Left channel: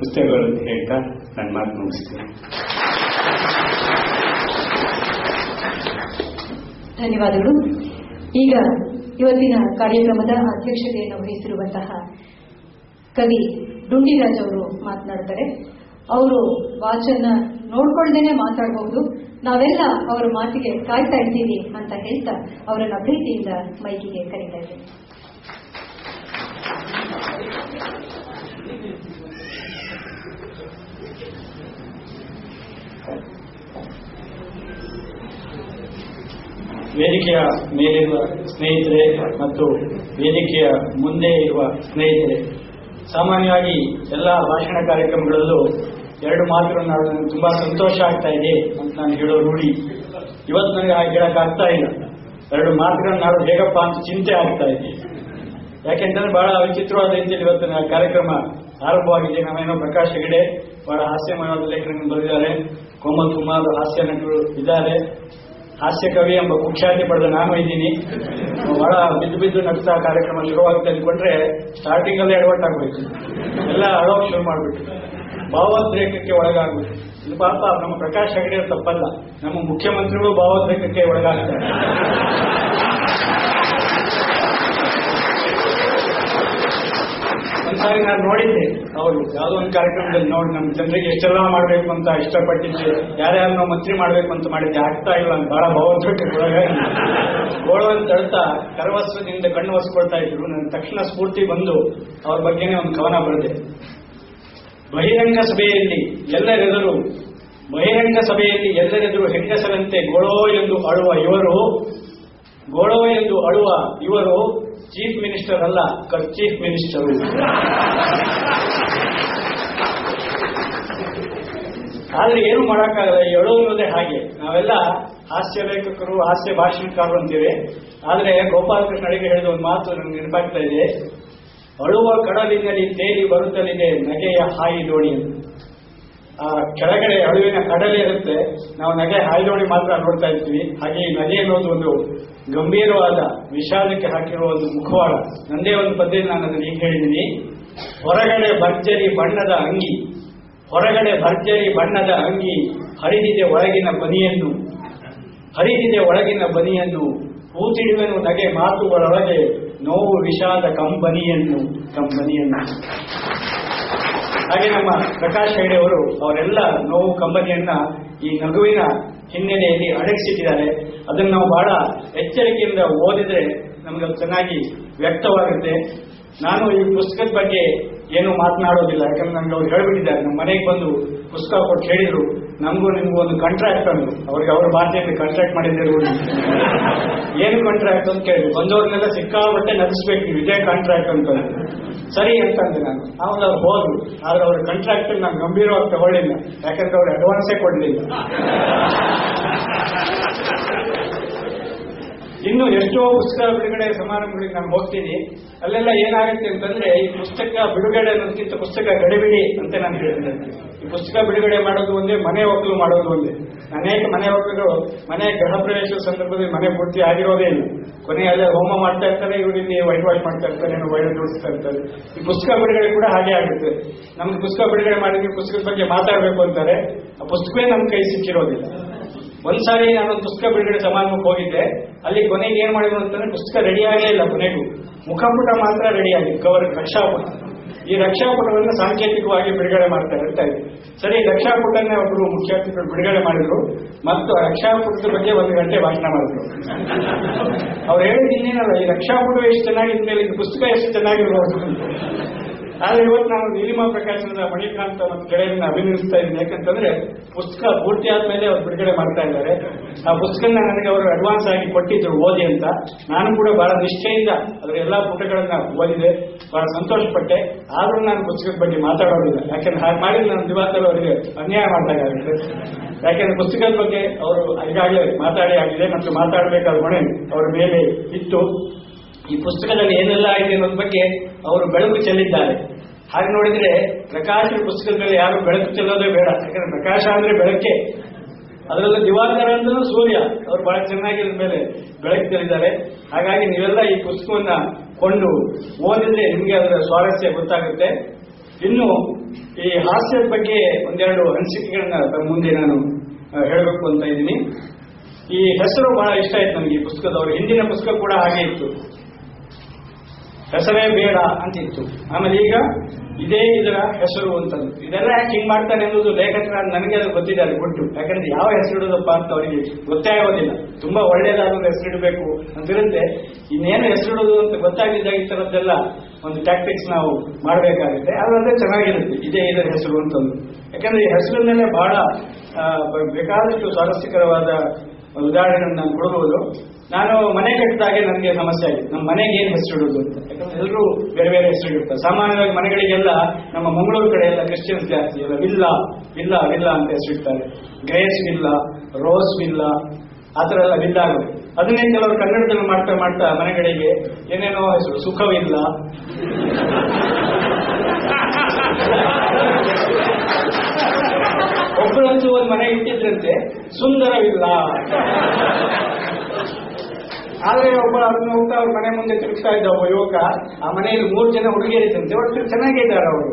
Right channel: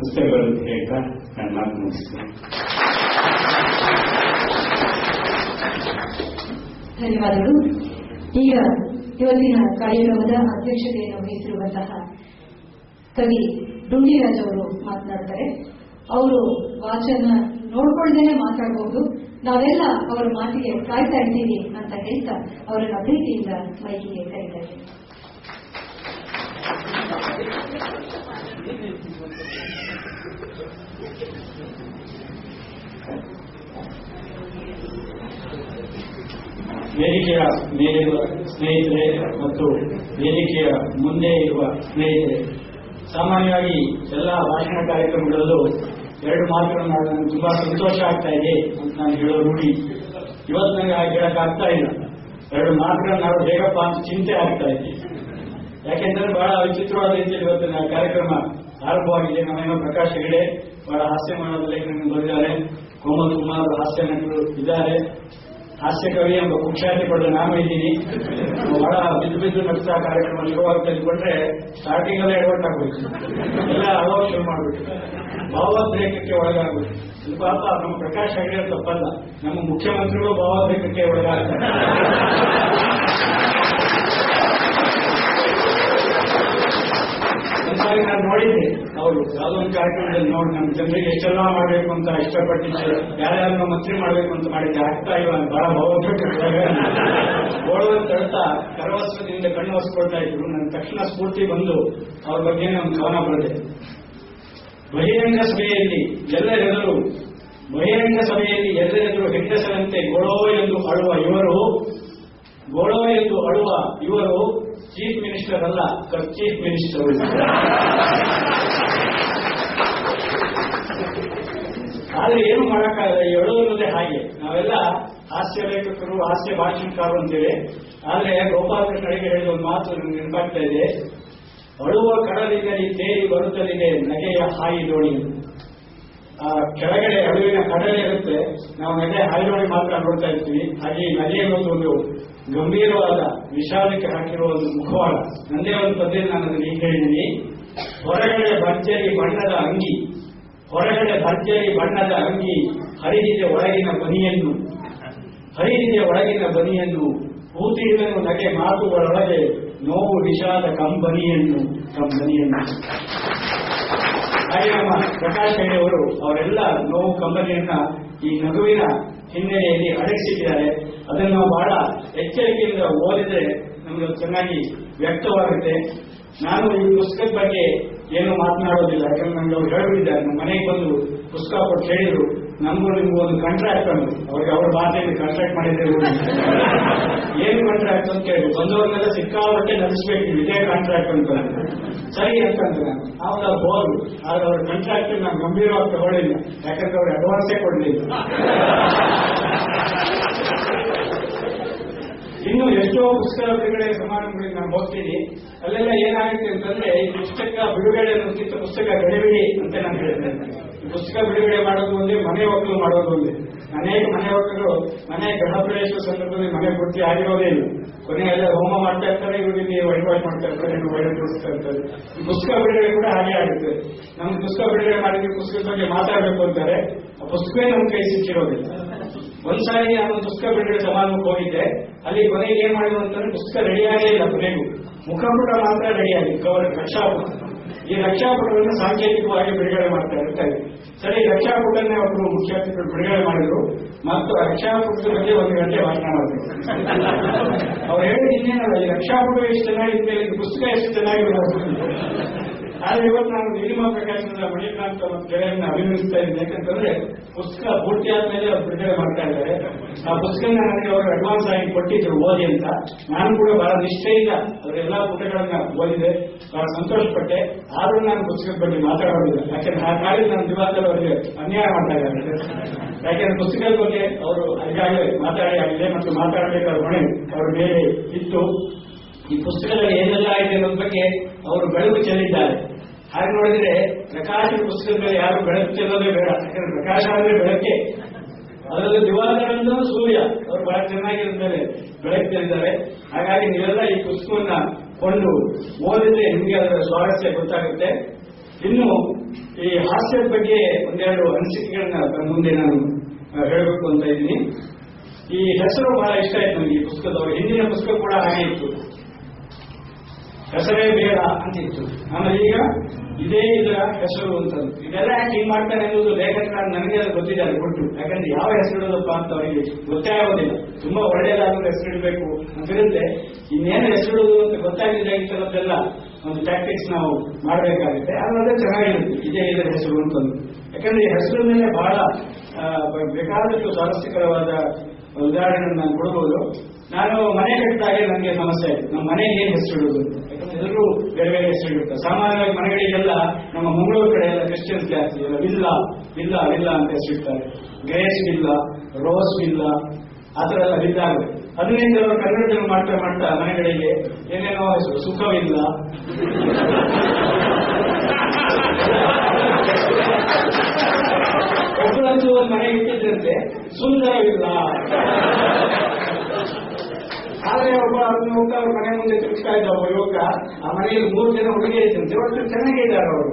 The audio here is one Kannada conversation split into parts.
ಪುಸ್ತಕಗಳು ಅಂತ ಹೇಳ್ತಾ ನನ್ನ ಮಾತು ಮುಗಿಸ್ತೀನಿ. ಧನ್ಯವಾದಗಳು. ಈಗ ಇವತ್ತಿನ ಕಾರ್ಯಕ್ರಮದ ಅಧ್ಯಕ್ಷತೆಯನ್ನು ವಹಿಸಿರುವಂತಹ ಕವಿ ಡುಂಡಿರಾಜ್ ಅವರು ಮಾತನಾಡ್ತಾರೆ. ಅವರು ವಾಚನ ನೋಡ್ಕೊಳ್ದೇನೆ ಮಾತಾಡಬಹುದು. ನಾವೆಲ್ಲ ಅವರ ಮಾತಿಗೆ ಕಾಯ್ತಾ ಇದ್ದೀವಿ ಅಂತ ಹೇಳ್ತಾ ಅವರನ್ನ ಪ್ರೀತಿಯಿಂದ ಮೈಕಿಗೆ ಕರೀತಾ ಇದ್ದೇನೆ. ವೇದಿಕೆಯ ಮೇಲಿರುವ ಸ್ನೇಹಿತರೆ ಮತ್ತು ವೇದಿಕೆಯ ಮುಂದೆ ಇರುವ ಸ್ನೇಹಿತರೆ, ಸಾಮಾನ್ಯವಾಗಿ ಎಲ್ಲ ಭಾಷಣ ಕಾರ್ಯಕ್ರಮಗಳಲ್ಲೂ ಎರಡು ಮಾತುಗಳನ್ನು ನನಗೆ ತುಂಬಾ ಸಂತೋಷ ಆಗ್ತಾ ಇದೆ ಅಂತ ನಾನು ಹೇಳೋ ರೂಢಿ. ಇವತ್ತು ನನಗೆ ಹಾಗೆ ಹೇಳಕ್ಕಾಗ್ತಾ ಇಲ್ಲ. ಎರಡು ಮಾತುಗಳನ್ನು ನಾವು ಹೇಗಪ್ಪ ಅಂತ ಚಿಂತೆ ಆಗ್ತಾ ಇದೆ. ಯಾಕೆಂದ್ರೆ ಬಹಳ ವಿಚಿತ್ರವಾದ ರೀತಿಯಲ್ಲಿ ಇವತ್ತಿನ ಕಾರ್ಯಕ್ರಮ ಆರಂಭವಾಗಿದೆ. ನಾವೇನೋ ಪ್ರಕಾಶ್ ಹೆಗಡೆ ಬಹಳ ಹಾಸ್ಯಮಯವಾದ ಲೇಖನಗಳನ್ನು ಬರೆದಿದ್ದಾರೆ. ಕೋಮಲ್ ಕುಮಾರ್ ಹಾಸ್ಯ ನಟರು ಇದ್ದಾರೆ. ಹಾಸ್ಯ ಕವಿ ಎಂಬ ಕುಖ್ಯಾತಿ ಪಡೆದ ನಾನು ಇದ್ದೀನಿ. ಬಹಳ ಬಿದ್ದು ನಗ್ತಾ ಕಾರ್ಯಕ್ರಮ ಶುರುವಾಗಿ ತೆಗೆದುಕೊಂಡ್ರೆ ಸ್ಟಾರ್ಟಿಂಗ್ ಅಲ್ಲೇ ಎಡವಟ್ಟಾಗ್ಬೇಕು, ಎಲ್ಲ ಅಳೋಕ್ ಶುರು ಮಾಡ್ಬಿಟ್ಟು ಭಾವೋದ್ರೇಕಕ್ಕೆ ಒಳಗಾಗ್ಬೇಕು. ಇದು ಪಾಪ ನಮ್ಮ ಪ್ರಕಾಶ್ ಹೆಗಡೆ ತಪ್ಪಲ್ಲ, ನಮ್ಮ ಮುಖ್ಯಮಂತ್ರಿಗಳು ಭಾವೋದ್ರೇಕಕ್ಕೆ ಒಳಗಾಗ್ತಾರೆ. ಒಂದ್ಸಾರಿ ನಾನು ನೋಡಿದ್ದೆ, ಅವರು ಯಾವುದೋ ಒಂದು ಕಾರ್ಯಕ್ರಮದಲ್ಲಿ ನೋಡಿ ನಮ್ಮ ಜನರಿಗೆ ಎಷ್ಟೆಲ್ಲ ಮಾಡಬೇಕು ಅಂತ ಇಷ್ಟಪಟ್ಟಿದ್ದೆ, ಯಾರ್ಯಾರನ್ನೋ ಮಂತ್ರಿ ಮಾಡಬೇಕು ಅಂತ ಮಾಡಿದ್ದೆ, ಆಗ್ತಾ ಇಲ್ಲ ಅಂತ ಬಹಳ ಭಾವೋದ್ರೇಕಕ್ಕೆ ಗೋಳವನ್ನು ತಳ್ತಾ ಕರವಸ್ತ್ರದಿಂದ ಕಣ್ಣು ಒರೆಸ್ಕೊಳ್ತಾ ಇದ್ರು. ನನ್ನ ತಕ್ಷಣ ಸ್ಫೂರ್ತಿ ಬಂದು ಅವ್ರ ಬಗ್ಗೆನೇ ಒಂದು ಕವನ ಬರೆದೆ. ಬಹಿರಂಗ ಸಭೆಯಲ್ಲಿ ಎಲ್ಲರೆದುರು ಹೆಂಗಸರಂತೆ ಗೋಳೋ ಎಂದು ಅಳುವ ಇವರು ಚೀಫ್ ಮಿನಿಸ್ಟರ್ ಅಲ್ಲ, ಚೀಫ್ ಮಿನಿಸ್ಟರ್. ಆದ್ರೆ ಏನು ಮಾಡಕ್ಕಾಗಲ್ಲ, ಈ ಅಳುವುದೇ ಹಾಗೆ. ನಾವೆಲ್ಲ ಹಾಸ್ಯ ಲೇಖಕರು, ಹಾಸ್ಯ ಭಾಷಣಕಾರರು ಅಂತೀವಿ. ಆದ್ರೆ ಗೋಪಾಲಕೃಷ್ಣ ಅಡಿಗೆ ಹೇಳಿದ ಒಂದು ಮಾತು ನನಗೆ ನೆನಪಾಗ್ತಾ ಇದೆ. ಅಳುವ ಕಡಲಿನಲ್ಲಿ ತೇಲಿ ಬರುತ್ತಲಿದೆ ನಗೆಯ ಹಾಯಿ ದೋಣಿ. ಆ ಕೆಳಗಡೆ ಅಳುವಿನ ಕಡಲೆ ಇರುತ್ತೆ, ನಾವು ನಗೆ ಹಾಯಿ ದೋಣಿ ಮಾತ್ರ ನೋಡ್ತಾ ಇರ್ತೀವಿ. ಹಾಗೆ ಈ ನಗೆ ಅನ್ನೋದು ಒಂದು ಗಂಭೀರವಾದ ವಿಷಾದಕ್ಕೆ ಹಾಕಿರುವ ಒಂದು ಮುಖವಾಡ. ನಂದೇ ಒಂದು ಪದ್ಯದಲ್ಲಿ ನಾನು ಅದನ್ನು ಈಗ ಹೇಳಿದ್ದೀನಿ. ಹೊರಗಡೆ ಭರ್ಜರಿ ಬಣ್ಣದ ಅಂಗಿ ಹರಿದಿದೆ ಒಳಗಿನ ಬನಿಯನ್ನು ಹೂತಿಡುವೆನು ನಗೆ ಮಾತುಗಳೊಳಗೆ ನೋವು ವಿಷಾದ ಕಂಬನಿಯನ್ನು. ಹಾಗೆ ನಮ್ಮ ಪ್ರಕಾಶ್ ಹೆಗಡೆ ಅವರು ಅವರೆಲ್ಲ ನೋವು ಕಂಬನಿಯನ್ನ ಈ ನಗುವಿನ ಹಿನ್ನೆಲೆಯಲ್ಲಿ ಅಡಗಿಸಿದ್ದಾರೆ. ಅದನ್ನು ನಾವು ಬಹಳ ಎಚ್ಚರಿಕೆಯಿಂದ ಓದಿದ್ರೆ ನಮಗೆ ಚೆನ್ನಾಗಿ ವ್ಯಕ್ತವಾಗುತ್ತೆ. ನಾನು ಈ ಪುಸ್ತಕದ ಬಗ್ಗೆ ಏನು ಮಾತನಾಡೋದಿಲ್ಲ, ಯಾಕಂದ್ರೆ ನಮ್ಗೆ ಅವ್ರು ಹೇಳ್ಬಿಟ್ಟಿದ್ದಾರೆ. ನಮ್ಮ ಮನೆಗೆ ಬಂದು ಪುಸ್ತಕ ಕೊಟ್ಟು ಹೇಳಿದ್ರು, ನಮಗೂ ನಿಮ್ಗೂ ಒಂದು ಕಾಂಟ್ರಾಕ್ಟ್ ಅಂದ್ರು. ಅವ್ರಿಗೆ ಅವರ ಭಾಷೆಯಲ್ಲಿ ಕಾಂಟ್ರಾಕ್ಟ್ ಮಾಡಿದ್ರೆ ಏನು ಕಾಂಟ್ರಾಕ್ಟ್ ಅಂತ ಕೇಳಿದ್ರು. ಬಂದವ್ರನ್ನೆಲ್ಲ ಸಿಕ್ಕಾಪಟ್ಟೆ ನಡೆಸ್ಬೇಕು, ಇದೇ ಕಾಂಟ್ರಾಕ್ಟ್ ಅಂತ. ಸರಿ ಅಂತಂದ್ರೆ ನಾನು ಆವಾಗ ಅವ್ರು ಹೋದ್ರು. ಆದ್ರೆ ಅವ್ರ ಕಾಂಟ್ರಾಕ್ಟ್ ನಾನು ಗಂಭೀರವಾಗಿ ತಗೊಳ್ಳಿಲ್ಲ, ಯಾಕಂದ್ರೆ ಅವ್ರು ಅಡ್ವಾನ್ಸೇ ಕೊಡ್ಲಿಲ್ಲ. ಇನ್ನು ಎಷ್ಟೋ ಪುಸ್ತಕ ಬಿಡುಗಡೆ ಸಮಾರಂಭಗಳಿಗೆ ನಾನು ಹೋಗ್ತೀನಿ. ಅಲ್ಲೆಲ್ಲ ಏನಾಗುತ್ತೆ ಅಂತಂದ್ರೆ, ಈ ಪುಸ್ತಕ ಬಿಡುಗಡೆ ಅನ್ನೋದಕ್ಕಿಂತ ಪುಸ್ತಕ ಗಡಿಬಿಡಿ ಅಂತ ನಾನು ಹೇಳ್ತೇನೆ. ಈ ಪುಸ್ತಕ ಬಿಡುಗಡೆ ಮಾಡೋದು ಒಂದೇ, ಮನೆ ಒಕ್ಕಲು ಮಾಡೋದು ಒಂದೇ. ಅನೇಕ ಮನೆ ಒಕ್ಕಲು ಮನೆ ಗೃಹ ಪ್ರವೇಶದ ಸಂದರ್ಭದಲ್ಲಿ ಮನೆ ಪೂರ್ತಿ ಆಗಿರೋದೇ ಇಲ್ಲ. ಕೊನೆಯಲ್ಲೇ ಹೋಮ ಮಾಡ್ತಾ ಇರ್ತಾರೆ, ಇವರಿಗೆ ವೈಟ್ ವಾಶ್ ಮಾಡ್ತಾ ಇರ್ತಾರೆ, ವೈಟ್ ಜೋಡಿಸ್ತಾ ಇರ್ತಾರೆ. ಈ ಪುಸ್ತಕ ಬಿಡುಗಡೆ ಕೂಡ ಹಾಗೆ ಆಗುತ್ತೆ. ನಮ್ಗೆ ಪುಸ್ತಕ ಬಿಡುಗಡೆ ಮಾಡಿದ್ರೆ ಪುಸ್ತಕದ ಬಗ್ಗೆ ಮಾತಾಡಬೇಕು ಅಂತಾರೆ, ಆ ಪುಸ್ತಕವೇ ನಮ್ಮ ಕೈ ಸಿಕ್ಕಿರೋದಿಲ್ಲ. ಒಂದ್ಸಾರಿ ನಾನೊಂದು ಪುಸ್ತಕ ಬಿಡುಗಡೆ ಸಮಾರಂಭಕ್ಕೆ ಹೋಗಿದ್ದೆ. ಅಲ್ಲಿ ಕೊನೆಗೆ ಏನ್ ಮಾಡಿದ್ರು ಅಂತಂದ್ರೆ, ಪುಸ್ತಕ ರೆಡಿಯಾಗೇ ಇಲ್ಲ. ಕೊನೆಗೂ ಮುಖಪುಟ ಮಾತ್ರ ರೆಡಿಯಾಗಿದೆ, ಕವರ್ ರಕ್ಷಾಪುಟ. ಈ ರಕ್ಷಾಪುಟವನ್ನು ಸಾಂಕೇತಿಕವಾಗಿ ಬಿಡುಗಡೆ ಮಾಡ್ತಾ ಇರ್ತಾರೆ. ಸರಿ, ರಕ್ಷಾಪುಟನ್ನೇ ಒಬ್ಬರು ಮುಖ್ಯಾತಿಥಿಗಳು ಬಿಡುಗಡೆ ಮಾಡಿದ್ರು ಮತ್ತು ರಕ್ಷಾಪುಟದ ಬಗ್ಗೆ 1 ಗಂಟೆ ಭಾಷಣ ಮಾಡಿದ್ರು. ಅವ್ರು ಹೇಳಿದ ಇನ್ನೇನಲ್ಲ, ಈ ರಕ್ಷಾಪುಟ ಎಷ್ಟು ಚೆನ್ನಾಗಿದ್ಮೇಲೆ ಇದು ಪುಸ್ತಕ ಎಷ್ಟು ಚೆನ್ನಾಗಿರ್ಬೋದು. ಆದ್ರೆ ಇವತ್ತು ನಾನು ನೀಲಿಮಾ ಪ್ರಕಾಶನದ ಮಣಿಕಾಂತ್ ಮತ್ತು ಗೆಳೆಯರನ್ನ ಅಭಿನಂದಿಸ್ತಾ ಇದ್ದೀನಿ. ಯಾಕಂತಂದ್ರೆ ಪುಸ್ತಕ ಪೂರ್ತಿ ಆದ್ಮೇಲೆ ಅವ್ರು ಬಿಡುಗಡೆ ಮಾಡ್ತಾ ಇದ್ದಾರೆ. ಆ ಪುಸ್ತಕನ ನನಗೆ ಅವರು ಅಡ್ವಾನ್ಸ್ ಆಗಿ ಕೊಟ್ಟಿದ್ರು ಓದಿ ಅಂತ. ನಾನು ಕೂಡ ಬಹಳ ನಿಷ್ಠೆಯಿಂದ ಅದರ ಎಲ್ಲಾ ಪುಟಗಳನ್ನ ಓದಿದೆ, ಬಹಳ ಸಂತೋಷ ಪಟ್ಟೆ. ಆದ್ರೂ ನಾನು ಪುಸ್ತಕದ ಬಗ್ಗೆ ಮಾತಾಡೋದಿಲ್ಲ, ಯಾಕಂದ್ರೆ ಹಾಗೆ ಮಾಡಿದ್ರೆ ನನ್ನ ದಿವಾಸದಲ್ಲಿ ಅವರಿಗೆ ಅನ್ಯಾಯ ಮಾಡ್ದಾಗುತ್ತೆ. ಯಾಕೆಂದ್ರೆ ಪುಸ್ತಕದ ಬಗ್ಗೆ ಅವರು ಈಗಾಗಲೇ ಮಾತಾಡಿ ಆಗಿದೆ ಮತ್ತು ಮಾತಾಡಬೇಕಾದ ಹೊಣೆ ಅವರ ಮೇಲೆ ಇತ್ತು. ಈ ಪುಸ್ತಕದಲ್ಲಿ ಏನೆಲ್ಲ ಆಗಿದೆ ಅನ್ನೋದ್ರ ಬಗ್ಗೆ ಅವರು ಬೆಳಕು ಚೆಲ್ಲಿದ್ದಾರೆ. ಹಾಗೆ ನೋಡಿದ್ರೆ ಪ್ರಕಾಶ ಪುಸ್ತಕದಲ್ಲಿ ಯಾರು ಬೆಳಕು ಚೆಲ್ಲೋದೇ ಬೇಡ, ಯಾಕಂದ್ರೆ ಪ್ರಕಾಶ ಅಂದ್ರೆ ಬೆಳಕೆ. ಅದರಲ್ಲಿ ದಿವಾಕರ ಅಂತ ಸೂರ್ಯ, ಅವರು ಬಹಳ ಚೆನ್ನಾಗಿರೋ ಮೇಲೆ ಬೆಳಕು ಚೆಲ್ಲಿದ್ದಾರೆ. ಹಾಗಾಗಿ ನೀವೆಲ್ಲ ಈ ಪುಸ್ತಕವನ್ನ ಕೊಂಡು ಓದಿದ್ರೆ ನಿಮ್ಗೆ ಅದರ ಸ್ವಾರಸ್ಯ ಗೊತ್ತಾಗುತ್ತೆ. ಇನ್ನು ಈ ಹಾಸ್ಯದ ಬಗ್ಗೆ ಒಂದೆರಡು ಅನಿಸಿಕೆಗಳನ್ನ ತಮ್ಮ ಮುಂದೆ ನಾನು ಹೇಳಬೇಕು ಅಂತ ಇದ್ದೀನಿ. ಈ ಹೆಸರು ಬಹಳ ಇಷ್ಟ ಆಯ್ತು ನನಗೆ ಈ ಪುಸ್ತಕದವರು. ಹಿಂದಿನ ಪುಸ್ತಕ ಕೂಡ ಹಾಗೆ ಇತ್ತು, ಹೆಸರೇ ಬೇಡ ಅಂತಿತ್ತು. ಆಮೇಲೆ ಈಗ ಇದೇ ಇದರ ಹೆಸರು ಅಂತಂದು. ಇದೆಲ್ಲ ಯಾಕೆ ಹಿಂಗ್ ಮಾಡ್ತಾನೆ ಅನ್ನೋದು ಲೇಖಕರ ನನಗೆ ಅದು ಗೊತ್ತಿದೆ, ಅದು ಕೊಟ್ಟು. ಯಾಕಂದ್ರೆ ಯಾವ ಹೆಸರು ಇಡೋದಪ್ಪ ಅಂತ ಅವರಿಗೆ ಗೊತ್ತೇ ಆಗೋದಿಲ್ಲ. ತುಂಬಾ ಒಳ್ಳೇದಾದ ಹೆಸರು ಇಡಬೇಕು ಅಂತಿರುತ್ತೆ, ಇನ್ನೇನು ಹೆಸರು ಇಡೋದು ಅಂತ ಗೊತ್ತಾಗಿದ್ದಾಗ ಈ ಥರದ್ದೆಲ್ಲ ಒಂದು ಟ್ಯಾಕ್ಟಿಕ್ಸ್ ನಾವು ಮಾಡಬೇಕಾಗುತ್ತೆ. ಅದಂದ್ರೆ ಚೆನ್ನಾಗಿರುತ್ತೆ ಇದೇ ಇದರ ಹೆಸರು ಅಂತಂದು. ಯಾಕಂದ್ರೆ ಈ ಹೆಸರಿನಲ್ಲೇ ಬಹಳ ಬೇಕಾದಷ್ಟು ಸ್ವಾರಸ್ಯಕರವಾದ ಉದಾಹರಣೆ ನಾನು ಕೊಡಬಹುದು. ನಾನು ಮನೆ ಕಟ್ಟಿದಾಗೆ ನನಗೆ ಸಮಸ್ಯೆ ಆಯಿತು, ನಮ್ಮ ಮನೆಗೆ ಏನು ಹೆಸರು ಇಡೋದು ಅಂತ. ಯಾಕಂದ್ರೆ ಎಲ್ಲರೂ ಬೇರೆ ಬೇರೆ ಹೆಸರು ಇಡ್ತಾರೆ. ಸಾಮಾನ್ಯವಾಗಿ ಮನೆಗಳಿಗೆಲ್ಲ ನಮ್ಮ ಮಂಗಳೂರು ಕಡೆ ಎಲ್ಲ ಕ್ರಿಶ್ಚಿಯನ್ಸ್ ಜಾಸ್ತಿ, ವಿಲ್ಲಾ ವಿಲ್ಲಾ ವಿಲ್ಲಾ ಅಂತ ಹೆಸರಿಡ್ತಾರೆ. ಗ್ರೇಸ್ ವಿಲ್ಲಾ, ರೋಸ್ ವಿಲ್ಲಾ, ಆ ಥರ ಎಲ್ಲ ವಿಲ್ಲಾಗಳು. ಅದನ್ನೇ ಕೆಲವರು ಕನ್ನಡದಲ್ಲಿ ಮಾಡ್ತಾ ಮಾಡ್ತಾ ಮನೆಗಳಿಗೆ ಏನೇನೋ ಹೆಸರು, ಸುಖವಿಲ್ಲ, ಒಬ್ಬರಂತೂ ಒಂದು ಮನೆ ಇಟ್ಟಿದ್ರಂತೆ ಸುಂದರವಿಲ್ಲ. ಆದ್ರೆ ಒಬ್ಬ ಅದನ್ನ ಹೋಗ್ತಾ ಅವ್ರ ಮನೆ ಮುಂದೆ ತಿರುಗಿಸ್ತಾ ಇದ್ದ ಒಬ್ಬ ಯುವಕ. ಆ ಮನೆಯಲ್ಲಿ 3 ಜನ ಹುಡುಗಿಯರಿದ್ದಂತೆ, ಒಟ್ಟು ಚೆನ್ನಾಗಿದ್ದಾರೆ, ಅವರು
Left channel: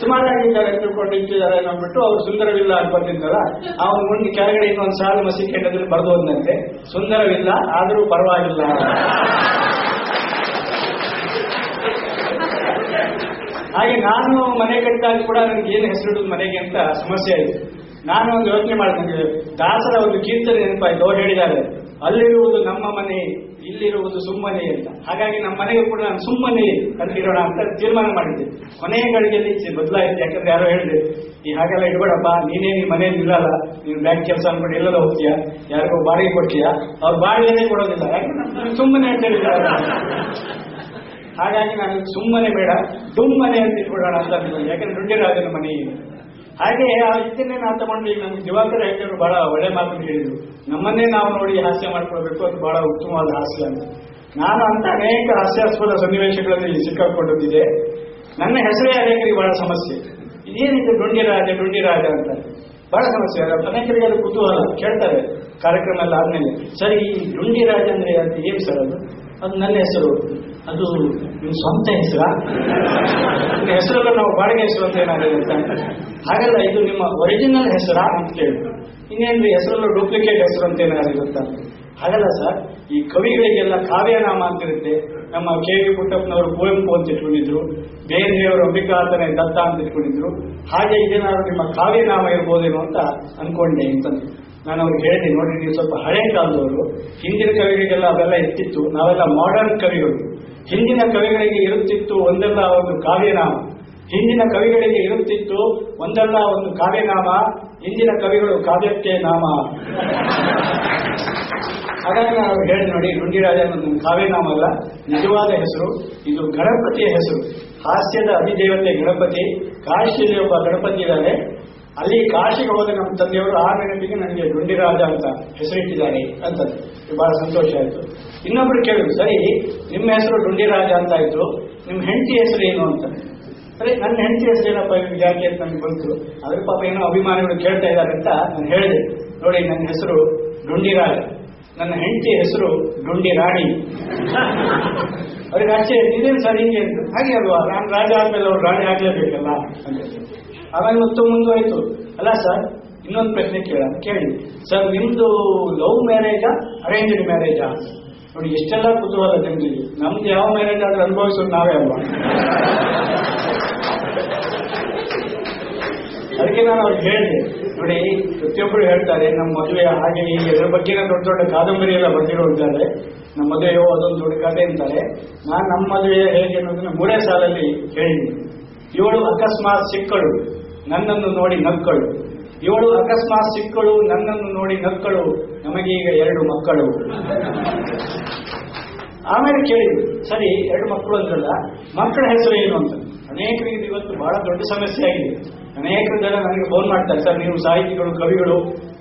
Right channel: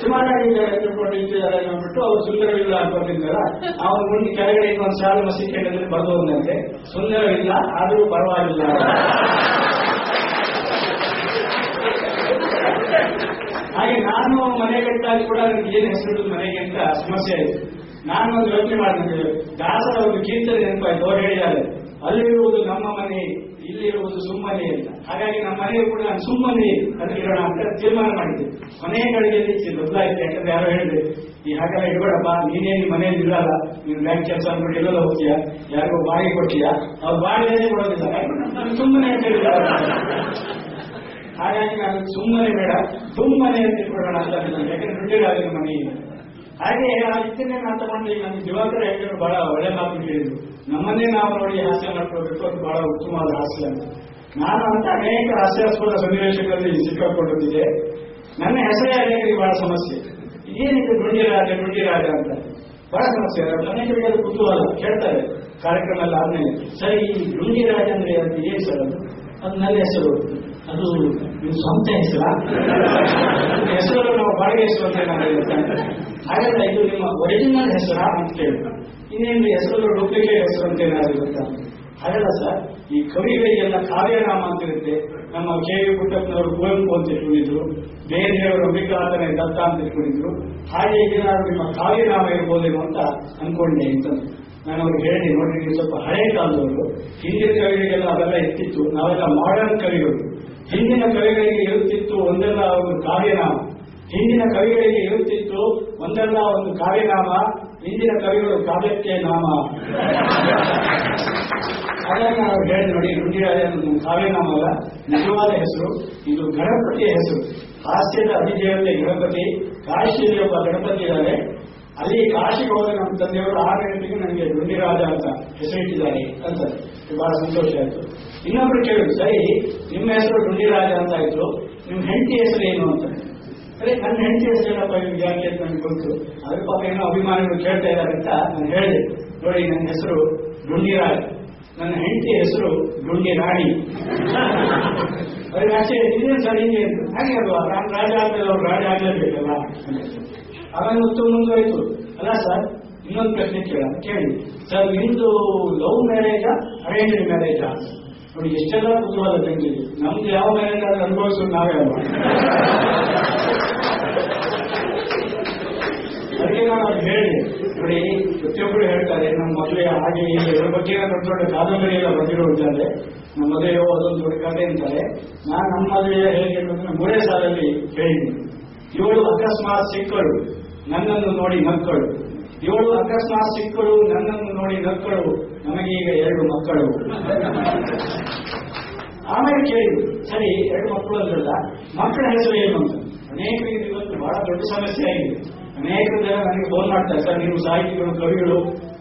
ಸುಮಾರಾಗಿದ್ದಾರೆ, ತಿಳ್ಕೊಂಡಿದ್ದಾರೆ ಅಂದ್ಬಿಟ್ಟು ಅವ್ರು ಸುಂದರವಿಲ್ಲ ಅಂತ ಬರ್ತಿದ್ದಾರ. ಅವನ ಮುಂದೆ ಕೆಳಗಡೆ ಇನ್ನೊಂದು ಸಾಲು ಮಸಿ ಕೆಂಡದಲ್ಲಿ ಬರೆದು ಹೋದಂತೆ, ಸುಂದರವಿಲ್ಲ ಆದರೂ ಪರವಾಗಿಲ್ಲ. ಹಾಗೆ ನಾನು ಮನೆ ಕಟ್ಟಿದಾಗ ಕೂಡ ನನಗೆ ಏನು ಹೆಸರಿಡುದು ಮನೆಗೆ ಅಂತ ಸಮಸ್ಯೆ ಆಯಿತು. ನಾನು ಒಂದು ಯೋಚನೆ ಮಾಡ್ತಿದ್ದೆ, ದಾಸರ ಒಂದು ಕೀರ್ತನೆ ನೆನಪಾಯ್ತು. ಅವ್ರು ಹೇಳಿದ್ದಾರೆ, ಅಲ್ಲಿರುವುದು ನಮ್ಮ ಮನೆ, ಇಲ್ಲಿರುವುದು ಸುಮ್ಮನೆ ಅಂತ. ಹಾಗಾಗಿ ನಮ್ಮ ಮನೆಗೆ ಕೂಡ ನಾನು ಸುಮ್ಮನೆ ಅಂತಿರೋಣ ಅಂತ ತೀರ್ಮಾನ ಮಾಡಿದ್ದೆ. ಕೊನೆಯ ಗಳಿಗೆಯಲ್ಲಿ ಬದಲಾಯಿತು. ಯಾಕಂದ್ರೆ ಯಾರೋ ಹೇಳಿದೆ, ಈ ಹಾಗೆಲ್ಲ ಇಡ್ಬೇಡಪ್ಪ, ನೀನೇನು ಮನೆಯಲ್ಲಿ ಇರಲ್ಲ, ನೀನು ಬ್ಯಾಂಕ್ ಕೆಲಸ ಅಂದ್ಬಿಟ್ಟು ಎಲ್ಲೆಲ್ಲ ಹೋಗ್ತೀಯಾ, ಯಾರಿಗೋ ಬಾಡಿಗೆ ಕೊಡ್ತೀಯಾ, ಅವ್ರು ಬಾಡಿಗೆನೇ ಕೊಡೋದಿಲ್ಲ, ಯಾಕಂದ್ರೆ ಸುಮ್ಮನೆ ಅಂತ ಹೇಳಿದ್ದಾರೆ. ಹಾಗಾಗಿ ನಾನು ಸುಮ್ಮನೆ ಬೇಡ, ದುಮ್ಮನೆ ಅಂತ ಇಟ್ಬಿಡೋಣ ಅಂತ. ಯಾಕಂದ್ರೆ ದುಡ್ಡಿರಾಜನ ಮನೆ ಇದೆ. ಹಾಗೆ ಆ ಇದನ್ನೇ ನಾನು ತಗೊಂಡು ಈಗ ನಮ್ಗೆ ದಿವಾಕರ ಹೆಗ್ಗರು ಬಹಳ ಒಳ್ಳೆ ಮಾತು ಹೇಳಿದ್ರು, ನಮ್ಮನ್ನೇ ನಾವು ನೋಡಿ ಹಾಸ್ಯ ಮಾಡ್ಕೊಳ್ಬೇಕು, ಅದು ಬಹಳ ಉತ್ತಮವಾದ ಹಾಸ್ಯ ಅಂತ. ನಾನು ಅಂತ ಅನೇಕ ಹಾಸ್ಯಾಸ್ಪದ ಸನ್ನಿವೇಶಗಳಲ್ಲಿ ಸಿಕ್ಕಾಕೊಂಡಿದ್ದೆ. ನನ್ನ ಹೆಸರೇ ಅನೇಕರಿಗೆ ಬಹಳ ಸಮಸ್ಯೆ. ಇದೇನಿದೆ ಡುಂಡಿರಾಜ ಅಂತ ಬಹಳ ಸಮಸ್ಯೆ. ಅನೇಕರಿಗೆ ಅದು ಕುತೂಹಲ, ಕೇಳ್ತಾರೆ ಕಾರ್ಯಕ್ರಮ ಎಲ್ಲ ಆದ್ಮೇಲೆ, ಸರಿ ಈ ಡುಂಡಿರಾಜ ಅಂದ್ರೆ ಅದು ಏನ್ ಸರ್? ಅದು ನನ್ನ ಹೆಸರು, ಅದು ನಿಮ್ಮ ಸ್ವಂತ ಹೆಸರ? ಹೆಸರಲ್ಲ, ನಾವು ಬಾಡಿಗೆ ಹೆಸರು ಅಂತ ಏನಾಗುತ್ತೆ ಅಂತ. ಹಾಗಲ್ಲ, ಇದು ನಿಮ್ಮ ಒರಿಜಿನಲ್ ಹೆಸರ ಅಂತ ಕೇಳಿದ್ರು. ಇನ್ನೇನು ಹೆಸರಲ್ಲೂ ಡೂಪ್ಲಿಕೇಟ್ ಹೆಸರು ಅಂತ ಏನಾಗಿರುತ್ತ? ಹಾಗಲ್ಲ ಸರ್, ಈ ಕವಿಗಳಿಗೆಲ್ಲ ಕಾವ್ಯನಾಮ ಅಂತಿರುತ್ತೆ. ನಮ್ಮ ಕೆ ವಿ ಪುಟ್ಟಪ್ಪನವರು ಕುವೆಂಪು ಅಂತ ಇಟ್ಕೊಂಡಿದ್ರು, ಬೇರೆಯವರು ಅಂಬಿಕಾತನೇ ದತ್ತ ಅಂತ ಇಟ್ಕೊಂಡಿದ್ರು. ಹಾಗೆ ಇದೇನಾದ್ರು ನಿಮ್ಮ ಕಾವ್ಯನಾಮ ಇರ್ಬೋದೇನೋ ಅಂತ ಅನ್ಕೊಂಡೆ ಅಂತಂದು ನಾನು ಅವ್ರಿಗೆ ಹೇಳಿದೆ, ನೋಡಿ ನೀವು ಸ್ವಲ್ಪ ಹಳೆ ಕಾಲದವರು, ಹಿಂದಿನ ಕವಿಗಳಿಗೆಲ್ಲ ಅವೆಲ್ಲ ಇರ್ತಿತ್ತು, ನಾವೆಲ್ಲ ಮಾಡರ್ನ್ ಕವಿಗಳು. ಹಿಂದಿನ ಕವಿಗಳಿಗೆ ಇರುತ್ತಿತ್ತು ಒಂದೆಲ್ಲ ಒಂದು ಕಾವ್ಯನಾಮ, ಹಿಂದಿನ ಕವಿಗಳಿಗೆ ಇರುತ್ತಿತ್ತು ಒಂದಲ್ಲ ಒಂದು ಕಾವ್ಯನಾಮ, ಹಿಂದಿನ ಕವಿಗಳು ಕಾವ್ಯಕ್ಕೆ ನಾಮ. ಹಾಗಾಗಿ ನಾವು ಹೇಳಿ ನೋಡಿ, ಡುಂಡಿರಾಜ ಅನ್ನೋದು ಕಾವ್ಯನಾಮ ಅಲ್ಲ, ನಿಜವಾದ ಹೆಸರು. ಇದು ಗಣಪತಿಯ ಹೆಸರು, ಹಾಸ್ಯದ ಅಧಿದೇವತೆ ಗಣಪತಿ. ಕಾಶಿಯಲ್ಲಿ ಒಬ್ಬ ಗಣಪತಿ ಇದ್ದಾರೆ, ಅಲ್ಲಿ ಕಾಶಿಗೆ ಹೋದ ನಮ್ಮ ತಂದೆಯವರು ಆ ಗಣಪತಿಗೆ ನನಗೆ ಡುಂಡಿರಾಜ ಅಂತ ಹೆಸರಿಟ್ಟಿದ್ದಾರೆ ಅಂತ. ಬಹಳ ಸಂತೋಷ ಆಯಿತು. ಇನ್ನೊಬ್ರು ಕೇಳಿದ್ರು, ಸರಿ ನಿಮ್ಮ ಹೆಸರು ಡುಂಡಿರಾಜ ಅಂತ ಆಯ್ತು, ನಿಮ್ಮ ಹೆಂಡತಿ ಹೆಸರು ಏನು ಅಂತ. ಸರಿ, ನನ್ನ ಹೆಂಡತಿ ಹೆಸರು ಏನಪ್ಪ ಯಾಕೆ ಅಂತ ನನಗೆ ಬಂತು. ಅದ್ರ ಪಾಪ ಏನೋ ಅಭಿಮಾನಿಗಳು ಕೇಳ್ತಾ ಇದ್ದಾರೆ ಅಂತ ನಾನು ಹೇಳಿದೆ, ನೋಡಿ ನನ್ನ ಹೆಸರು ಡುಂಡಿರಾಜ, ನನ್ನ ಹೆಂಡತಿ ಹೆಸರು ಡುಂಡಿರಾಣಿ. ಅವ್ರಿಗೆ ಆಚೆ ಇದೇನು ಸರ್ ಹಿಂಗೆ ಅಂತ. ಹಾಗೆ ಅಲ್ವಾ, ನಾನು ರಾಜ ಆದ್ಮೇಲೆ ಅವ್ರು ರಾಜ ಆಗ್ಲೇಬೇಕಲ್ಲ. ಆಮೇಲೆ ಮತ್ತು ಮುಂದುವರಿತು, ಅಲ್ಲ ಸರ್ ಇನ್ನೊಂದು ಪ್ರಶ್ನೆ ಕೇಳಿ ಸರ್, ನಿಮ್ದು ಲವ್ ಮ್ಯಾರೇಜಾ ಅರೇಂಜ್ಡ್ ಮ್ಯಾರೇಜಾ? ನೋಡಿ ಎಷ್ಟೆಲ್ಲ ಕುತೂಹಲ ಜನರಿಗೆ. ನಮ್ದು ಯಾವ ಮ್ಯಾರೇಜ್ ಆದ್ರೆ ಅನುಭವಿಸೋದು ನಾವೇ ಅಲ್ವಾ. ಅದಕ್ಕೆ ನಾನು ಅವ್ರಿಗೆ ಹೇಳಿದೆ, ನೋಡಿ ಪ್ರತಿಯೊಬ್ಬರು ಹೇಳ್ತಾರೆ ನಮ್ಮ ಮದುವೆ ಹಾಗೆ ಹೀಗೆ, ಅದ್ರ ಬಗ್ಗೆ ದೊಡ್ಡ ದೊಡ್ಡ ಕಾದಂಬರಿ ಎಲ್ಲ ಬರ್ತಿರೋ ಇದ್ದಾರೆ, ನಮ್ಮ ಮದುವೆಯೋ ಅದೊಂದು ದೊಡ್ಡ ಕಥೆ ಅಂತಾರೆ. ನಾನು ನಮ್ಮ ಮದುವೆ ಹೇಗೆ ಅನ್ನೋದನ್ನ 3ನೇ ಸಾಲಲ್ಲಿ ಹೇಳಿದ್ದೀನಿ. 7 ಅಕಸ್ಮಾತ್ ಸಿಕ್ಕಳು ನನ್ನನ್ನು ನೋಡಿ ನಕ್ಕಳು, 7 ಅಕಸ್ಮಾತ್ ಸಿಕ್ಕಳು ನನ್ನನ್ನು ನೋಡಿ ನಕ್ಕಳು, ನಮಗೀಗ 2 ಮಕ್ಕಳು. ಆಮೇಲೆ ಕೇಳಿದ್ರು, ಸರಿ 2 ಮಕ್ಕಳು ಅಂತಲ್ಲ, ಮಕ್ಕಳ ಹೆಸರು ಏನು ಅಂತ. ಅನೇಕರಿಗೆ ಇವತ್ತು ಬಹಳ ದೊಡ್ಡ ಸಮಸ್ಯೆ ಆಗಿದೆ. ಅನೇಕ ಜನ ನನಗೆ ಫೋನ್ ಮಾಡ್ತಾರೆ, ಸರ್ ನೀವು ಸಾಹಿತಿಗಳು, ಕವಿಗಳು,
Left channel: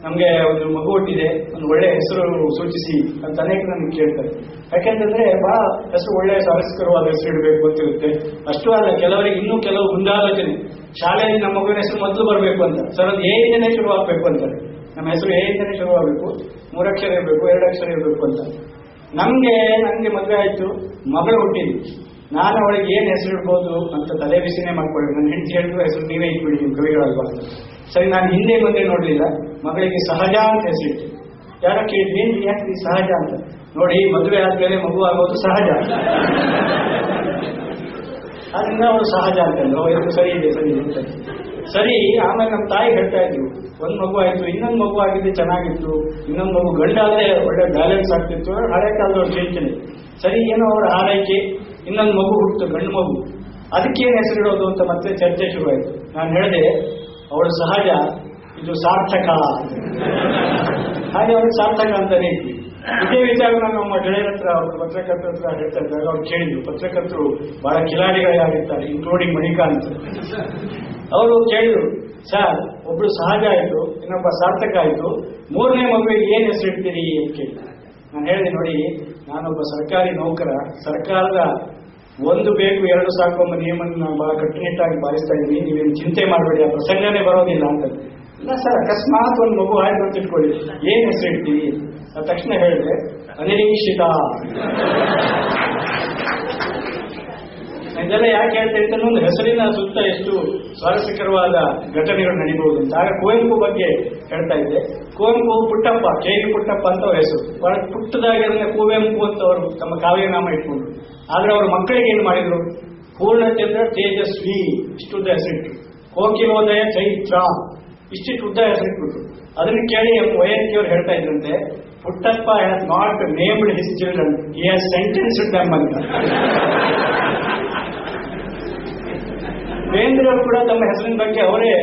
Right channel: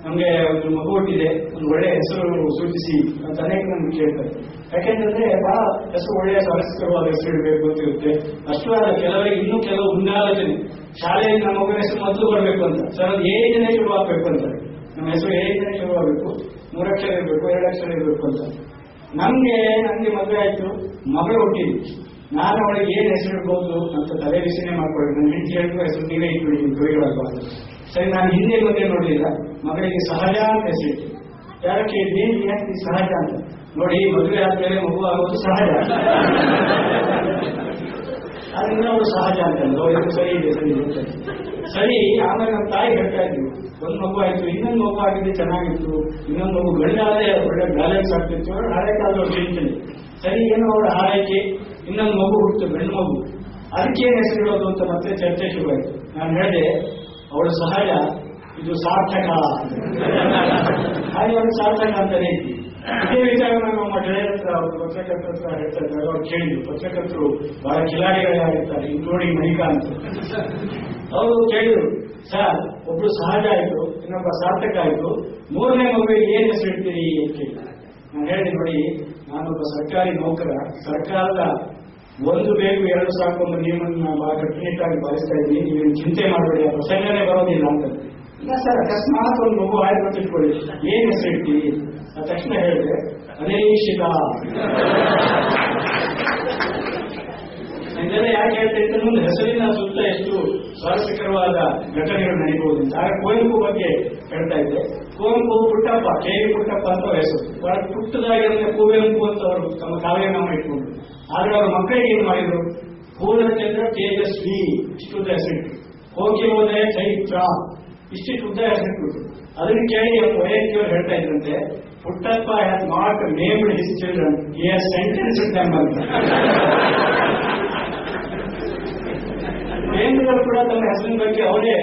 ನಮಗೆ ಒಂದು ಮಗು ಹುಟ್ಟಿದೆ, ಒಂದು ಒಳ್ಳೆ ಹೆಸರು ಸೂಚಿಸಿ ಅಂತ ಅನೇಕ ನನಗೆ ಕೇಳ್ತಾರೆ. ಯಾಕೆಂತಂದ್ರೆ ಬಹಳ ಹೆಸರು ಒಳ್ಳೆಯ ಸ್ವಾರಸ್ಯಕರವಾದ ಹೆಸರು ಇಡಬೇಕು ಅಂತಿರುತ್ತೆ. ಅಷ್ಟು ಅಲ್ಲ, ಕೆಲವರಿಗೆ ಇನ್ನೂ ಕೆಲವು ಮುಂದಾಲೋಚನೆ, ಶಾಲೆಯಲ್ಲಿ ನಮ್ಮ ಮಗುವಿನ ಹೆಸರು ಮೊದಲು ಬರಬೇಕು ಅಂತ. ಸರ್ ಅದು ಏನಿಂದನೇ ಶುರುವಾಗಬೇಕು ಅಂತಾರೆ. ನಮ್ಮ ಹೆಸರು ಏನಿಂದನೇ ಶುರುವಾಗಬೇಕು, 3 ಅಕ್ಷರ ಇರಬೇಕು, 2 ಅಕ್ಷರ ಇರಬೇಕು ಅಂತ. ನನಗೆ ಮದುವೆ ಆಯ್ತು, ಮಗಳು ಹುಟ್ಟಿದ್ವಿ. ನಾನು ಅವಳಿಗೆ ಏನ್ ಹೆಸರಿಡ್ಬೋದು ಅಂತ ತಲೆ ಬಿಸಿನೇ ಮಾಡ್ಕೊಳ್ಳಿ. ನನ್ನ ಹೆಂಡತಿ ಹೇಳಿದ್ರು ಹೆಸರು ನೀವೇ ಇಟ್ಬಿಡಿ ನೀವು ಕವಿಗಳಲ್ವಾ. ಸರಿ, ನಾನು ಹಿಂದೆ ಮುಂದೆ ನೋಡ್ಲಿಲ್ಲ, ಮಗಳಿಗೆ ಸಹಜ ಅಂತ ಹೆಸರಿಟ್ಟು. ಯಾರ ಕೇಳಿದ್ವಿ ಯಾಕೆ ಸಹಜ ಅಂತ? ನೋಡಿ, ಮದುವೆ ಆದ್ಮೇಲೆ ಮಗು ಆಗೋದು ಸಹಜ, ಆದ್ರಿಂದ ಅವರು ಸಹಜ ಅಂತಂದ್ರು. ಇದು ಸರಿ ಇದೆ, ಸರಿ ಇದೆ, ಸರಿ. ಆಮೇಲೆ ನಮ್ಮ ತಾಯಿ ಹೇಳ್ತಾ ಇದ್ರು, ಒಂದ್ ಮಗು ಆಯ್ತು, ಇನ್ನೊಂದು ಮಗು ಆಗಿದ್ರೆ ಚೆನ್ನಾಗಿತ್ತು, ಇನ್ನೊಂದು ಮಗು ಗಂಡಾದ್ರೆ ಒಳ್ಳೆ ಬ್ಯಾಲೆನ್ಸ್ ಆಗ್ತಿತ್ತು. ಹಳೆ ಕಾಲದವ್ರು ಚಿಂತನೆ. ಸರಿ, ಏನೋ ಅವರ ಆರೈಕೆ, ಇನ್ನೊಂದು ಮಗು ಹುಟ್ಟಿತು, ಗಂಡು ಮಗು, ಅದಕ್ಕೇನು ಹೆಸರಿಡೋದು ಅಂತ ಮತ್ತೆ ಚರ್ಚೆ ಶುರುವಾಯಿತು. ನಾನು ಹೇಳಿದೆ, ಅವಳು ಸಹಜ, ಇದು ಸಾರ್ಥಕ. ಹಾಗೆ ಅವ್ರಿಗೆ ಸಾರ್ಥಕ ಅಂತಾನೆ ಇದ್ವಿ. ಇದೇ ವಿಚಾರ ನಮ್ಮ ಗೆಳೆಯರ ಹತ್ರ, ಅವ್ರ ಪತ್ರಕರ್ತರ ಹತ್ರ ಹೇಳ್ತಾ ಇದ್ದಾಗ ಅವ್ರು ಕೇಳಿದ್ರು. ಪತ್ರಕರ್ತರು ಬಹಳ ಕಿಲಾಡಿಗಳಾಗಿರ್ತಾರೆ, ಇನ್ಕ್ಲೂಡಿಂಗ್ ಮಣಿಕಾಂತ್. ಅವರು ಕೇಳಿದ್ರು, ಸರ್, ಒಬ್ರು ಸಹಜ ಆಯ್ತು, ಇನ್ನೊಬ್ಬ ಸಾರ್ಥಕ ಆಯ್ತು, ಮೂರನೇ ಮಗುವಿಗೆ ಏನ್ ಹೆಸರಿಡ್ತೀರಿ ಅಂತ ಕೇಳಿ. ನಾನು ಹೇಳಿದೆ, ನೋಡಿ, ನಾನೊಬ್ಬ ಸರ್ಕಾರಿ ನೌಕರ, ಸರ್ಕಾರದ ಒಂದು ಬೇಕು ಎರಡು ಸಾಕು ಎಂಬ ನಿಯಮವನ್ನು ನಾನು ಬಹಳ ಕಟ್ಟುನಿಟ್ಟಾಗಿ ಪಾಲಿಸ್ತಾ ಇದ್ದೀನಿ, ನೀವೇನು ಚಿಂತೆ ಮಾಡಬೇಡಿ, ಆ ಪ್ರಸಂಗನೇ ಬರೋದಿಲ್ಲ ಅಂತ. ಇಲ್ಲ ಸರ್, ಅಕಸ್ಮಾತ್ ಒಂದು ಮಗು ಆಯ್ತು ಅಂತ ತಿಳ್ಕೊಳ್ಳಿ, ಏನ್ ಹೆಸರಿಡ್ತೀವಿ? ಆ ತಕ್ಷಣ ಹೇಳಿದೆ, ಅನಿರೀಕ್ಷಿತ. ಇದೆಲ್ಲ ಯಾಕೆ ಹೇಳ್ತಾ ಇತ್ತು, ಒಂದು ಹೆಸರಿನ ಸುತ್ತ ಎಷ್ಟು ಸ್ವಾರಸ್ಯಕರವಾದ ಘಟನೆಗಳು ನಡೀಬಹುದು ಅಂತ. ಆಗ ಕುವೆಂಪು ಬಗ್ಗೆ ಹೇಳ್ತಾ ಇದ್ದೆ. ಕುವೆಂಪು ಪುಟ್ಟಪ್ಪ, ಕೆ ವಿ ಪುಟ್ಟಪ್ಪ ಅಂತ ಅವ್ರ ಹೆಸರು. ಬಹಳ ಪುಟ್ಟದಾಗಿರೋದೇ ಕುವೆಂಪು ಅಂತ ಅವರು ತಮ್ಮ ಕಾವ್ಯನಾಮ ಇಟ್ಕೊಂಡ್ರು. ಆದ್ರೆ ಅವ್ರ ಮಕ್ಕಳಿಗೆ ಏನ್ ಮಾಡಿದ್ರು, ಪೂರ್ಣಚಂದ್ರ ತೇಜಸ್ವಿ ಇಷ್ಟುದ್ದ ಹೆಸರಿಟ್ರು, ಕೋಕಿಲೋದಯ ಚೈತ್ರ ಇಷ್ಟಿಟ್ಟು ಉದ್ದ ಹೆಸರಿಟ್ಬಿಟ್ರು. ಅದನ್ನ ಕೇಳಿ ವೈದ್ಯರು ಹೇಳ್ತಾ ಇದ್ರಂತೆ, Puttappa has not named his children, he has sentenced them ಅಂತ. ಬೇಂದ್ರವರು ಕೂಡ ತಮ್ಮ ಹೆಸರಿನ ಬಗ್ಗೆ ಅವರೇ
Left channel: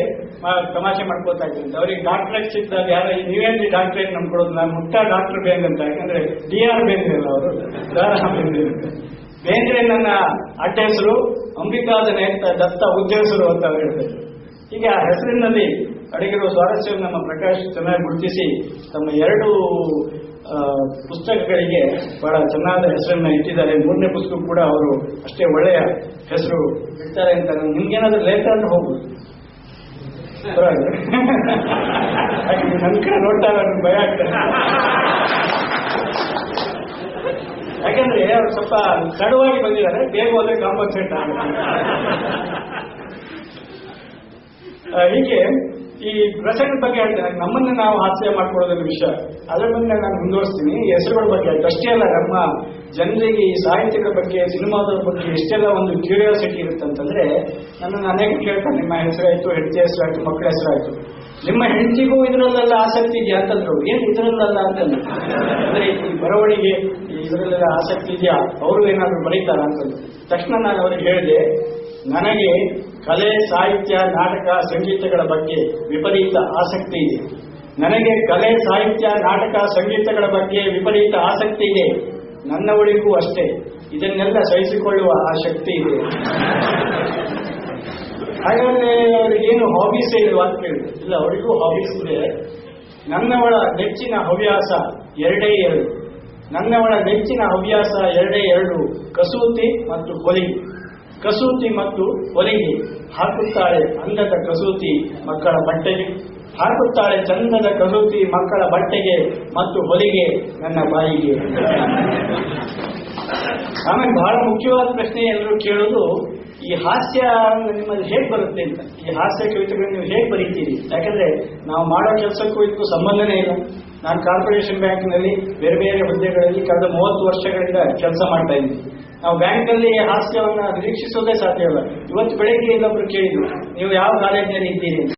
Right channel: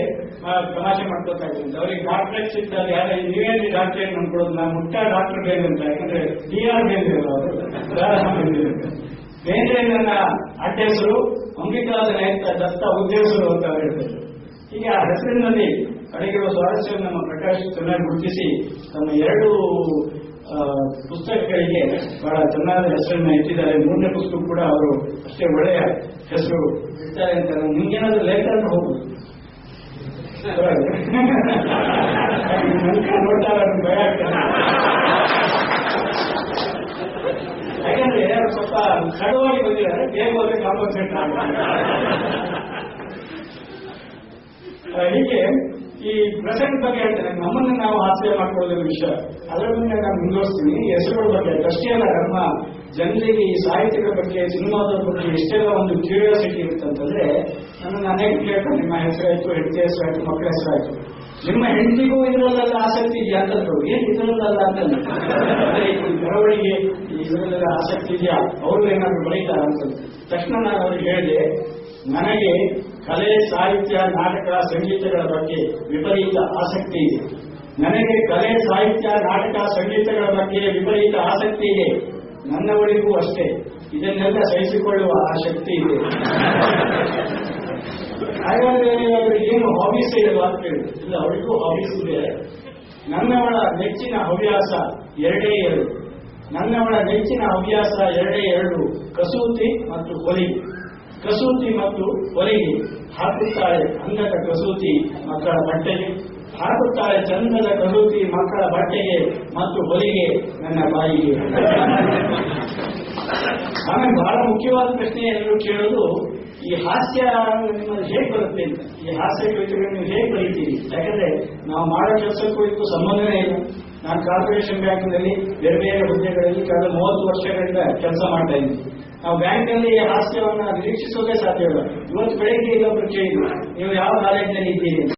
ತಮಾಷೆ ಮಾಡ್ಕೊತಾ ಇದ್ರಂತೆ. ಅವ್ರಿಗೆ ಡಾಕ್ಟರೇಟ್ ಸಿಕ್ಕಿದಾಗ ಯಾರು ನೀವೇನ್ರಿ ಡಾಕ್ಟರೇಟ್ ನಂಬ್ಕೊಡೋದು, ನಾನು ಮುಟ್ಟ ಡಾಕ್ಟರ್ ಬೇಂದ್ರೆ ಅಂತ. ಯಾಕಂದ್ರೆ DR ಬೇಂದ್ರೆ ಅಲ್ಲ ಅವರು, ಬೇಂದ್ರೆ. ಬೇಂದ್ರೆ ನನ್ನ ಅಡ್ಡ ಹೆಸರು, ಅಂಬಿಕಾದನೆ ಅಂತ ದತ್ತ ಉದ್ದೇಶರು ಅಂತ ಹೇಳ್ತಾರೆ. ಹೀಗೆ ಆ ಹೆಸರಿನಲ್ಲಿ ಅಡಗಿರುವ ಸ್ವಾರಸ್ಯವನ್ನು ನಮ್ಮ ಪ್ರಕಾಶ್ ಚೆನ್ನಾಗಿ ಗುರುತಿಸಿ ತಮ್ಮ 2 ಪುಸ್ತಕಗಳಿಗೆ ಬಹಳ ಚೆನ್ನಾದ ಹೆಸರನ್ನ ಇಟ್ಟಿದ್ದಾರೆ. 3ನೇ ಪುಸ್ತಕ ಕೂಡ ಅವರು ಅಷ್ಟೇ ಒಳ್ಳೆಯ ಹೆಸರು ಇಡ್ತಾರೆ ಅಂತ. ನಿಮ್ಗೇನಾದ್ರೂ ಲೇಖ ಅಂತ ಹೋಗುದು ನನ್ಕ ನೋಡ್ತಾರ ಭಯ ಆಗ್ತದೆ. ಯಾಕಂದ್ರೆ ಅವ್ರು ಸ್ವಲ್ಪ ತಡವಾಗಿ ಬಂದಿದ್ದಾರೆ, ಬೇಗ ಹೋದ್ರೆ ಕಾಂಪನ್ಸೇಟ್ ಹೀಗೆ ಈ ಪ್ರಸಂಗದ ಬಗ್ಗೆ ಹೇಳ್ತೇನೆ. ನಮ್ಮನ್ನು ನಾವು ಹಾಸ್ಯ ಮಾಡ್ಕೊಳ್ಳೋದ್ರ ವಿಷಯ, ಅದರ ಬಗ್ಗೆ ನಾನು ಮುಂದುವರಿಸ್ತೀನಿ. ಹೆಸರುಗಳ ಬಗ್ಗೆ ಅಷ್ಟೇ ಅಲ್ಲ, ನಮ್ಮ ಜನರಿಗೆ ಈ ಸಾಹಿತ್ಯದ ಬಗ್ಗೆ, ಸಿನಿಮಾದ ಬಗ್ಗೆ ಎಷ್ಟೆಲ್ಲ ಒಂದು ಕ್ಯೂರಿಯಾಸಿಟಿ ಇರುತ್ತೆ ಅಂತಂದ್ರೆ, ನನ್ನನ್ನು ಅನೇಕ ಕೇಳ್ತಾರೆ, ನಿಮ್ಮ ಹೆಸರಾಯ್ತು, ಹೆಂಡತಿ ಹೆಸರಾಯ್ತು, ಮಕ್ಕಳ ಹೆಸರಾಯ್ತು, ನಿಮ್ಮ ಹೆಂಡತಿಗೂ ಇದರಲ್ಲೆಲ್ಲ ಆಸಕ್ತಿ ಇದೆಯಾ ಅಂತಂದ್ರು. ಏನ್ ಇದರಲ್ಲ ಅಂತಂದ್ರೆ, ಅಂದ್ರೆ ಈ ಬರವಣಿಗೆ ಇದರಲ್ಲೆಲ್ಲ ಆಸಕ್ತಿ ಇದೆಯಾ, ಅವರು ಏನಾದ್ರು ಬರೀತಾರ ಅಂತಂದ್ರೆ ತಕ್ಷಣ ನಾನು ಅವ್ರಿಗೆ ಹೇಳಿದೆ, ನನಗೆ ಕಲೆ, ಸಾಹಿತ್ಯ, ನಾಟಕ, ಸಂಗೀತಗಳ ಬಗ್ಗೆ ವಿಪರೀತ ಆಸಕ್ತಿ ಇದೆ. ನನಗೆ ಕಲೆ, ಸಾಹಿತ್ಯ, ನಾಟಕ, ಸಂಗೀತಗಳ ಬಗ್ಗೆ ವಿಪರೀತ ಆಸಕ್ತಿ ಇದೆ. ನನ್ನವಳಿಗೂ ಅಷ್ಟೇ. ಇದನ್ನೆಲ್ಲ ಸಹಿಸಿಕೊಳ್ಳುವ ಆ ಶಕ್ತಿ ಇದೆ. ಹಾಗಾದ್ರೆ ಅವ್ರಿಗೇನು ಹಾಬೀಸ್ ಇಲ್ವಾ ಅಂತ ಕೇಳಿದ್ರು. ಇಲ್ಲ, ಅವಳಿಗೂ ಹಾಬೀಸ್ ಇದೆ. ನನ್ನವಳ ನೆಚ್ಚಿನ ಹವ್ಯಾಸ 2 ನನ್ನವಳ ನೆಚ್ಚಿನ ಹವ್ಯಾಸ 2 ಕಸೂತಿ ಮತ್ತು ಹೊಲಿಗೆ. ಕಸೂತಿ ಮತ್ತು ಹೊಲಿಗೆ. ಹಾಕುತ್ತಾಳೆ ಅಂದದ ಕಸೂತಿ ಮಕ್ಕಳ ಬಟ್ಟೆಗೆ, ಹಾಕುತ್ತಾಳೆ ಚಂದದ ಕಸೂತಿ ಮಕ್ಕಳ ಬಟ್ಟೆಗೆ ಮತ್ತು ಹೊಲಿಗೆ ನನ್ನ ಬಾಯಿಗೆ. ಆಮೇಲೆ ಬಹಳ ಮುಖ್ಯವಾದ ಪ್ರಶ್ನೆ ಎಲ್ಲರೂ ಕೇಳೋದು, ಈ ಹಾಸ್ಯ ನಿಮ್ಮಲ್ಲಿ ಹೇಗೆ ಬರುತ್ತೆ ಅಂತ. ಈ ಹಾಸ್ಯ ಕವಿತೆಗಳನ್ನು ನೀವು ಹೇಗೆ ಬರೀತೀರಿ? ಯಾಕಂದ್ರೆ ನಾವು ಮಾಡೋ ಕೆಲಸಕ್ಕೂ ಇದಕ್ಕೂ ಸಂಬಂಧನೇ ಇಲ್ಲ. ನಾನು ಕಾರ್ಪೊರೇಷನ್ ಬ್ಯಾಂಕ್ನಲ್ಲಿ ಬೇರೆ ಬೇರೆ ಹುದ್ದೆಗಳಲ್ಲಿ ಕಳೆದ 30 ವರ್ಷಗಳಿಂದ ಕೆಲಸ ಮಾಡ್ತಾ ಇದ್ದೀನಿ. ನಾವು ಬ್ಯಾಂಕಲ್ಲಿ ಹಾಸ್ಯವನ್ನ ನಿರೀಕ್ಷಿಸೋದೇ ಸಾಧ್ಯವಿಲ್ಲ. ಇವತ್ತು ಬೆಳಗ್ಗೆ ಇಲ್ಲೊಬ್ರು ಕೇಳಿದ್ರು, ನೀವು ಯಾವ ಕಾಲೇಜಿನಲ್ಲಿ ಇದ್ದೀರಿ?